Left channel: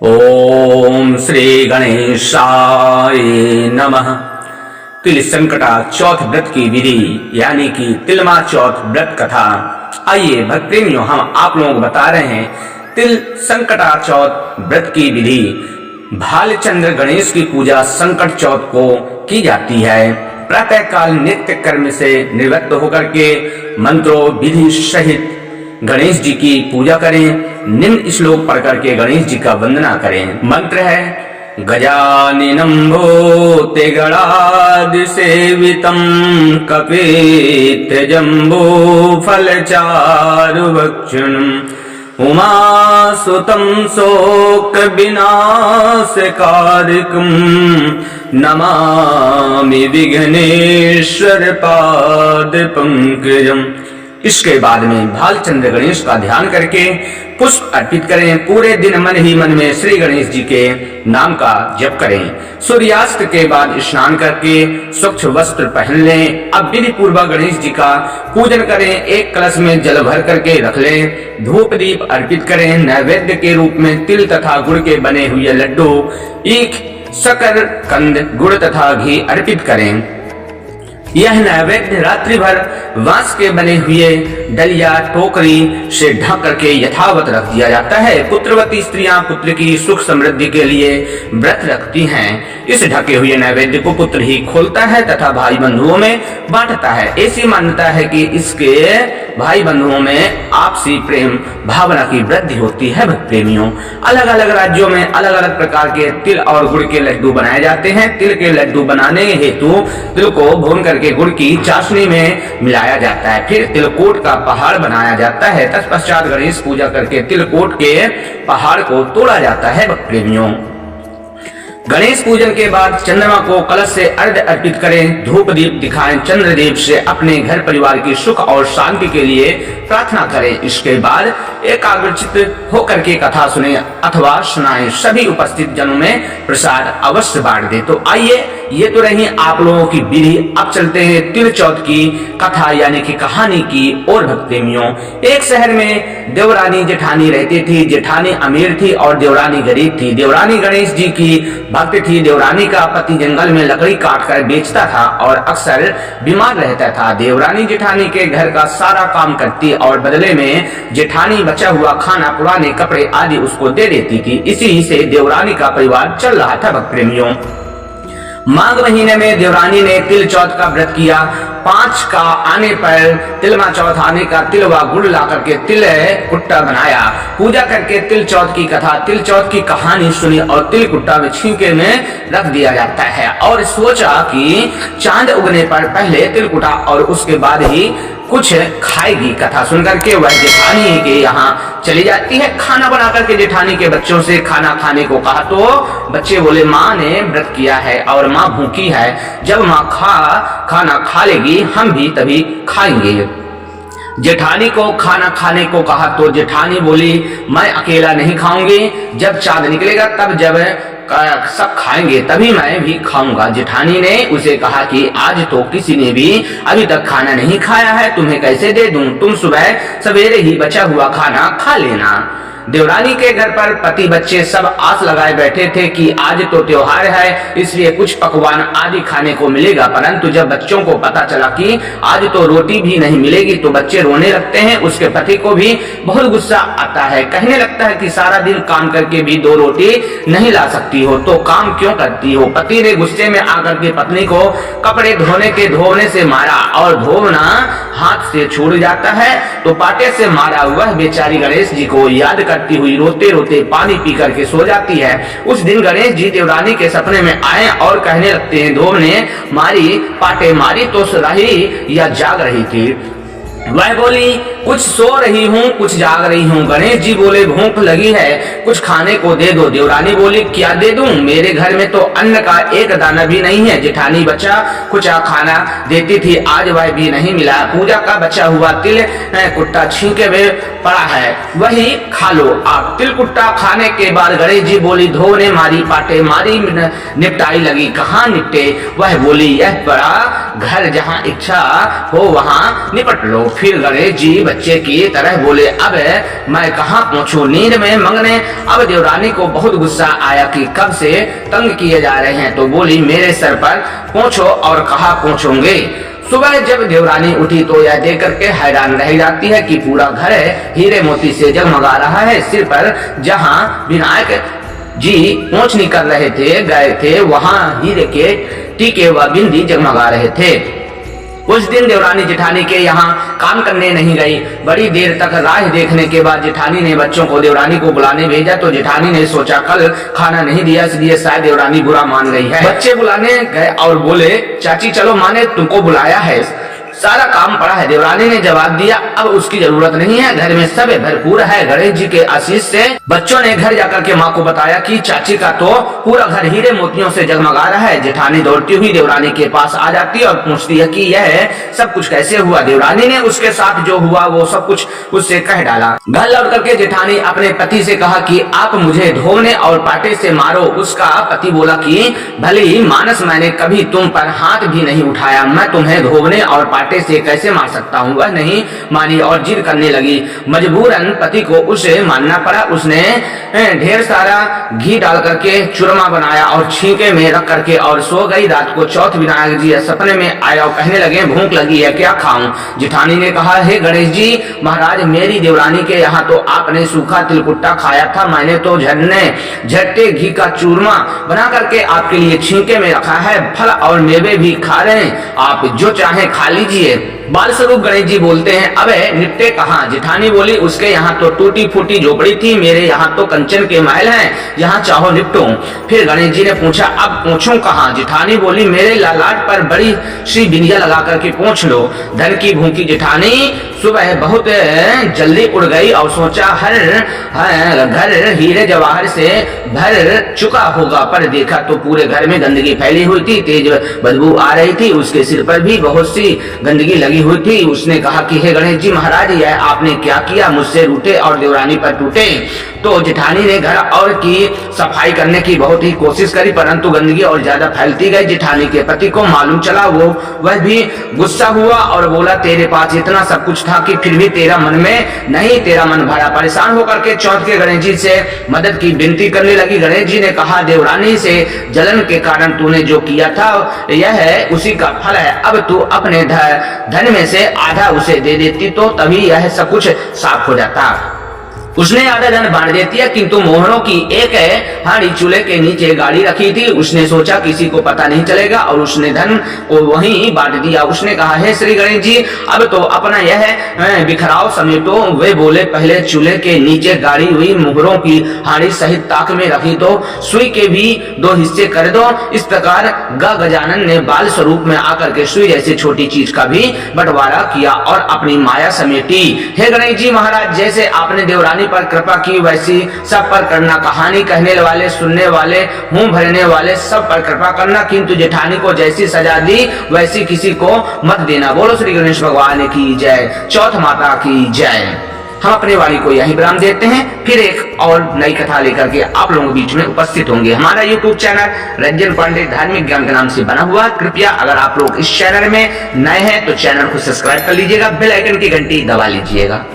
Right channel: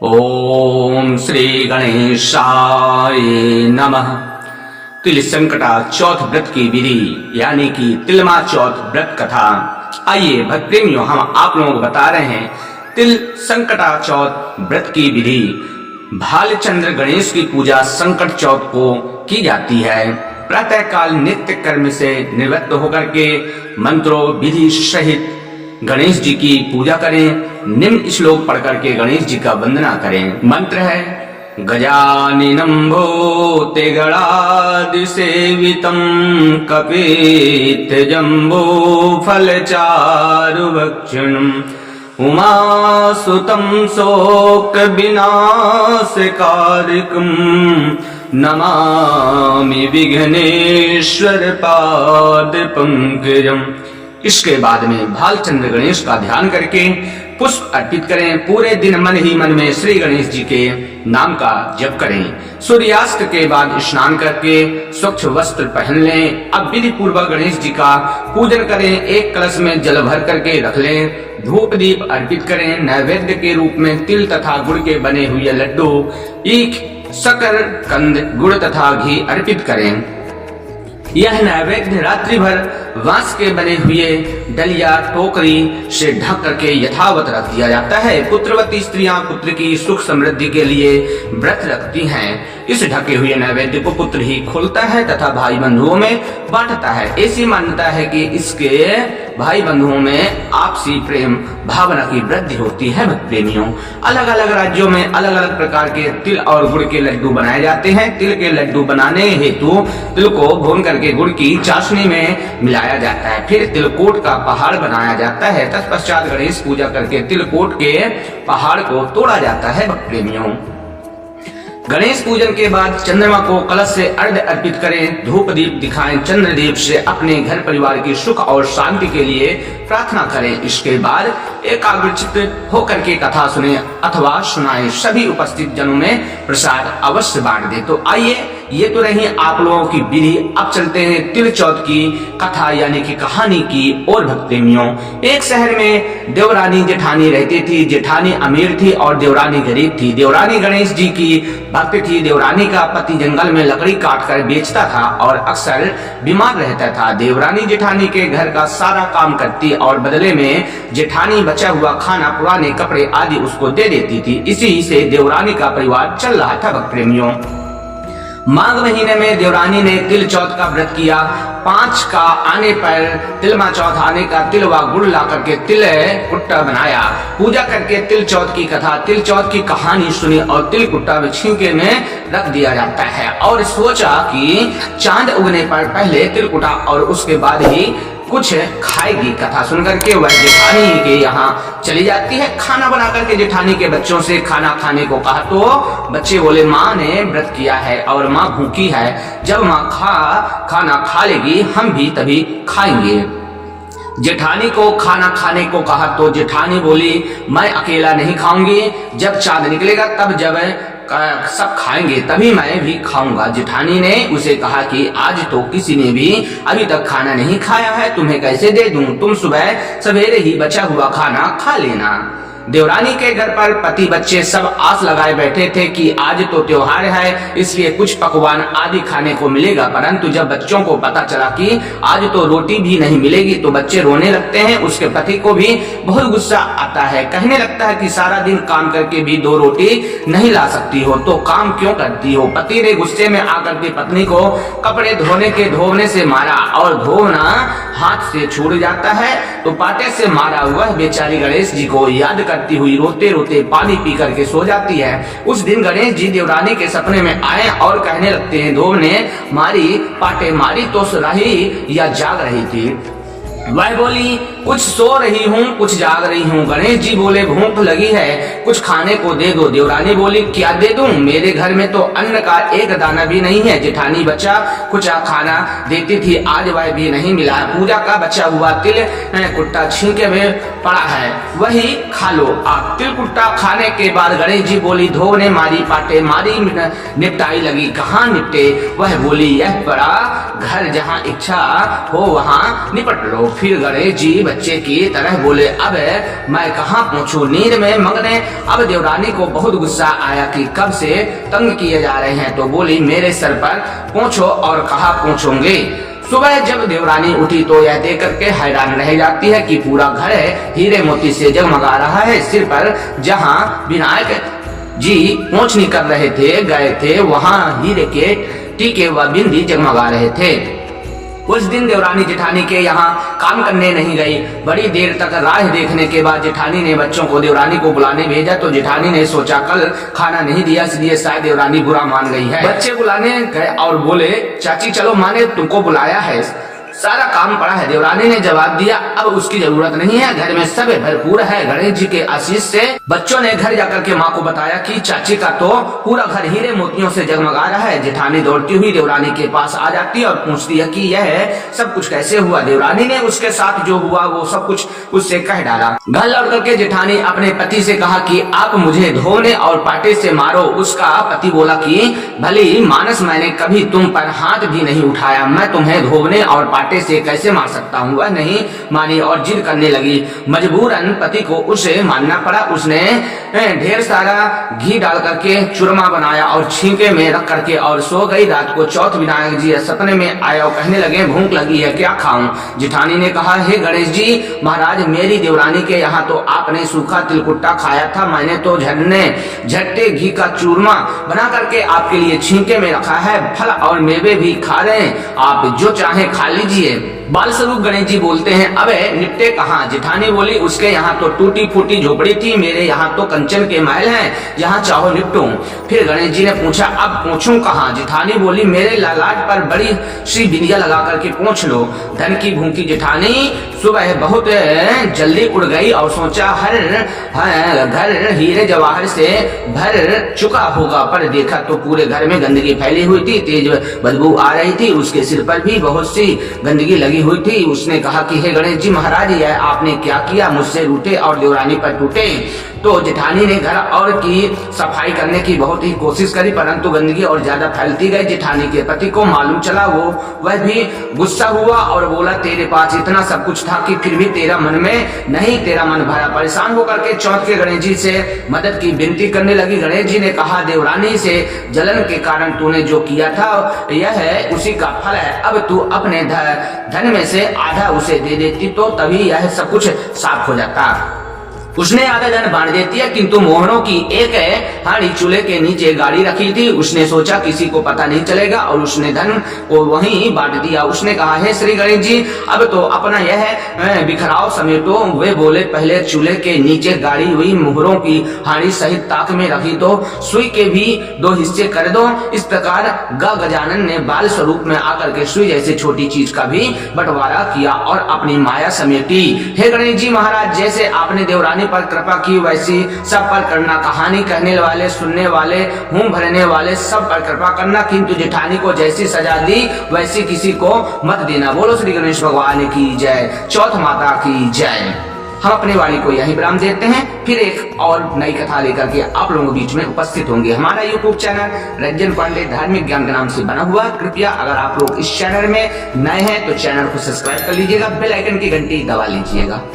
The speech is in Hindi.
ओम श्री गणेशाय नमः। तिल संकटा चौथ व्रत की विधि यानी कि तिलमा चौथ व्रत कथा। आइए भक्त प्रेमियों, हम आप लोगों को बता रहे हैं तिल संकटा चौथ व्रत की विधि। भालचंद्र गणेश की पूजा संकट चौथ को की जाती है। प्रातः काल नित्य कर्म से निवृत्त होकर के मंत्रों विधि सहित गणेश जी की पूजा करें। निम्न श्लोक पढ़ करके गणेश जी का वंदना करें। मंत्र है गजाननं भूते गणादि सेवितं कपित जम्बो फलचारु भक्षणम् उमासुतं शोक विनाशकारिकं नमामि विघ्नेश्वर पाद पंकजम। इसके बाद में भालचंद्र गणेश का ध्यान करके पुष्प अर्पित करें। पूरे दिन मन ही मन में श्री गणेश जी के नाम का जप करें। सूर्यास्त के बाद स्नान करके स्वच्छ वस्त्र पहन लें। अब विधि पूर्वक गणेश जी का पूजन करें। एक कलश में जल भर करके रख लें। धूप दीप अर्पित करें। नैवेद्य के रूप में तिल तथा गुड़ के बने हुए लड्डू, ईख, शक्कर, कंद, गुड़ तथा घी अर्पित करें। यह नैवेद्य रात्रि भर बांस के बने हुए डलिया टोकरी से ढक करके यथावत रख दिया जाता है। पुत्रवती स्त्रियां पुत्र की सुख समृद्धि के लिए व्रत रखती हैं। इस ढके हुए नैवेद्य को पुत्र ही खोलता है तथा भाई बंधुओं में बांटता है। ऐसी मान्यता है कि इसके भाई बंधुओं में आपसी प्रेम भावना की वृद्धि होती है। भक्त प्रेमियों, अलग अलग राज्यों में अलग अलग प्रकार के तिल और गुड़ के लड्डू बनाए जाते हैं। तिल के लड्डू बनाने हेतु तिल को भून करके गुड़ की चाशनी में मिलाया जाता है। फिर तिलकोट का पहाड़ बनाया जाता है। तत्पश्चात गणेश पूजा करके तिलकोट के पहाड़ को तोड़ा जाता है। भक्त प्रेमियों, गणेश पूजन के बाद चंद्रमा को कलश से अर्घ्य अर्पित करें। धूप दीप दिखाएं। चंद्रदेव से अपने घर परिवार की सुख और शांति के लिए प्रार्थना करें। इसके बाद एकाग्रचित होकर के कथा सुने अथवा सुनाएं। सभी उपस्थित जनों में प्रसाद अवश्य बांट दे। तो आइए, ये तो रही आप लोगों की विधि। अब चलते हैं तिल चौथ की कथा यानी कि कहानी की और। भक्त प्रेमियों, एक शहर में देवरानी जेठानी रहती थी। जेठानी अमीर थी और देवरानी गरीब थी। देवरानी गणेश जी की भक्त थी। देवरानी का पति जंगल में लकड़ी काट कर बेचता था और अक्सर बीमार रहता था। देवरानी जेठानी के घर का सारा काम करती और बदले में जेठानी बचा हुआ खाना, पुराने कपड़े आदि उसको दे देती थी। इसी से देवरानी का परिवार चल रहा था। भक्त प्रेमियों, माघ महीने में देवरानी ने तिल चौथ का व्रत किया। 5 का आने पर तिलमा चौथ आने का तिल व गुड़ ला करके तिल कुट्टा बनाया। पूजा करके तिल चौथ की कथा, तिल चौथ की कहानी सुनी और तिल कुट्टा में छींके में रख दिया जाता है। और सोचा कि चांद उगने पर पहले तिल कुट्टा और उसके बाद ही कुछ खाएगी। कथा सुनकर के वह जेठानी के यहाँ चली जाती है। खाना बना करके जेठानी के बच्चों से खाना खाने को कहा तो बच्चे बोले माँ ने व्रत किया है और माँ भूखी है। जब माँ खाना खा लेगी हम भी तभी खाएंगे। जेठानी को खाना खाने को कहा तो जेठानी बोली मैं अकेला नहीं खाऊंगी। जब चांद निकलेगा तब जब सब खाएंगे तभी मैं भी खाऊंगा। जेठानी ने उसे कहा कि आज तो किसी ने भी अभी तक खाना नहीं खाया है, तुम्हें कैसे दे दूं? तुम सुबह सवेरे ही बचा हुआ खाना खा लेना। देवरानी के घर पर पति बच्चे सब आस लगाए बैठे थे कि आज तो त्योहार है, इसलिए कुछ पकवान आदि खाने को मिलेगा। परंतु जब बच्चों को पता चला कि आज तो रोटी भी नहीं मिलेगी तो बच्चे रोने लगते हैं। उसके पति को भी बहुत गुस्सा आता है। कहने लगता है कि सारा दिन काम करके भी 2 रोटी नहीं ला सकती हो तो काम क्यों करती हो? पति ने गुस्से में आकर के पत्नी को कपड़े धोने से मारा और धोना हाथ से छूट जाता है तो पाटे से मारा। वह बेचारी गणेश जी को याद करती हुई रोते रोते पानी पी करके सो जाती है। उस दिन गणेश जी देवरानी के सपने में आए और कहने लगते हैं धोब ने मारी, पाटे मारी तो रही या जाग रही थी? वह बोली कुछ सो रही हूँ कुछ जाग रही हूँ। गणेश जी बोले भूख लगी है, कुछ खाने को दे दो। देवरानी बोली क्या दे दूं? मेरे घर में तो अन्न का एक दाना भी नहीं है। जेठानी बचा कुचा खाना देती थी, आज वह भी नहीं मिला। पूजा का बचा हुआ तिल कुट्टा छींके में पड़ा है, वही खा लो आप। तिल कुट्टा खाने के बाद गणेश जी बोली धो ने मारी, पाटे मारी, निपटाई लगी कहाँ निपटे? वह बोली यह बड़ा घर जहाँ इच्छा हो वहाँ निपट लो। फिर गणेश जी बच्चे की तरह बोले, अब मैं कहाँ पहुंचूं नींद में मंगने। अब देवरानी को बहुत गुस्सा आया कि कब से तंग किए जा रहे हैं, तो बोली, मेरे सर पर पहुंचो। और कहा पहुंचोगे। सुबह जब देवरानी उठी तो यह देख करके हैरान रह जाती है कि पूरा घर हीरे मोती से जगमगा रहा है। सिर पर जहां विनायक जी पोंछनी कर रहे थे गए थे, वहां हीरे के टीके व बिंदी जगमगा रहे थे। उस दिन देवरानी जेठानी के यहाँ काम करने नहीं गई। बड़ी देर तक राह देखने के बाद जेठानी ने बच्चों को देवरानी को बुलाने भेजा, तो जेठानी ने सोचा कल खाना नहीं दिया, इसलिए शायद देवरानी बुरा मान गई है। बच्चे बुलाने गए और बोले, चाची चलो, माँ ने तुमको बुलाया है, सारा काम पड़ा है। देवरानी ने जवाब दिया, अब उसकी जरूरत नहीं है, घर में सब भरपूर है। गणेश जी के आशीष से बच्चों ने घर जाकर के माँ को बताया कि चाची का तो पूरा घर हीरे मोतियों से जगमगा रहा है। जेठानी दौड़ती हुई देवरानी के पास आ जाती है और पूछती है कि यह सब कुछ कैसे हुआ। देवरानी ने उसके साथ जो हुआ वो सब कुछ उससे कह डाला। घर लौट करके जेठानी अपने पति से कहा कि आप मुझे धोने और पाटे से मारो। उसका पति बोला कि भली मानस, मैंने कभी तुम पर हाथ भी नहीं उठाया, मैं तुम्हें धोने और पाटे से कैसे मार सकता हूँ। वह नहीं मानी और जिद करने लगी। मजबूरन पति को उसे मानना पड़ा। उसने ढेर सारा घी डाल करके चूरमा बनाया और छींके में रख करके और सो गई। रात को चौथ विनायक जी सपने में आए और कहने लगे, भूख लगी है, क्या खाऊं। जेठानी ने कहा, हे गणेश जी महाराज, मेरी देवरानी के यहाँ तो आपने सूखा तिलकुट्टा खाया था, मैंने तो झट्टे घी का चूरमा बना करके आपके लिए छींके में रखा है। फल और मेवे भी खा रहे हैं, आप जो चाहे खा लीजिए। बाल स्वरूप गणेश जी बोलते हैं, अबे निपटे कहाँ। जेठानी बोली, उसके यहाँ तो टूटी फूटी झोपड़ी थी, मेरे यहाँ तो कंचन के महल हैं, यहाँ चाहो निपटूं। फिर गणेश जी ने पूछा, अब पूछूं कहाँ। जेठानी बोली, मेरे लालाट पर बड़ी सी बिंदिया लगा करके पूछ लो। धन की भूखी जेठानी सुबह बहुत जल्दी उड़ गई और सोचा हर घर हीरे जवाहर से भर चुका होगा, पर देखा तो पूरे घर में गंदगी फैली हुई थी, तेज बदबू आ रही थी, उसके सिर पर भी बहुत सी गंदगी लगी हुई थी। उसने कहा कि हे गणेश जी महाराज, यह आपने क्या किया, मुझसे रूठे और देवरानी पर टूटे। तो जेठानी ने घर और की सफाई करने की बहुत ही कोशिश करी, परंतु गंदगी और ज्यादा फैलती गई। जेठानी के पति को मालूम चला, वह भी गुस्सा हुआ और बोला, तेरे पास इतना सब कुछ था कि फिर भी तेरा मन में नहीं, तेरा मन भरा। परेशान होकर के चौथ के गणेश जी से मदद की विनती करने लगी। गणेश जी ने कहा, देवरानी से जलन के कारण तूने जो किया था यह है उसी का फल है। अब तू अपने धन में से आधा उसे दे देती तो तभी यह सब कुछ साफ हो जाता। उसने आधा धन बांट देती है, किंतु मोहरों की एक हांडी चूल्हे के नीचे गाड़ी रखी थी। उसने सोचा किसी को पता नहीं चलेगा और उसने धन को वहीं बांट दिया। उसने कहा, हे श्री गणेश जी, अब तो अपना यह बिखराव समेटो। वे बोले, पहले चूल्हे के नीचे गाड़ी हुई मोहरों की हांडी सहित ताक में रखी तो सुई के भी 2 हिस्से कर दो। इस प्रकार गजानन ने बाल स्वरूप में आकर के सुई जैसे छोटी चीज का भी बंटवारा किया और अपनी माया समेटी। हे गणेश जी महाराज, जैसे आपने देवरानी पर कृपा की वैसी सब पर करना। कहानी कहने वाले, सुनने वाले, मुंह भरने वाले सब पर कृपा करना, किंतु जेठानी को जैसी सजा दी वैसी किसी को मत देना। बोलो श्री गणेश भगवान की जय, चौथ माता की जय। हम अपने वाणी को यही विराम देते हैं, फिर एक और नई कथा लेकर के आप लोगों के बीच में उपस्थित होंगे। हमारा यूट्यूब चैनल रंजन पांडे धार्मिक ज्ञान के नाम से बना हुआ। कृपया अगर आप लोग इस चैनल में नए हैं तो चैनल को सब्सक्राइब कर लीजिएगा, बेल आइकन की घंटी दबा लीजिएगा।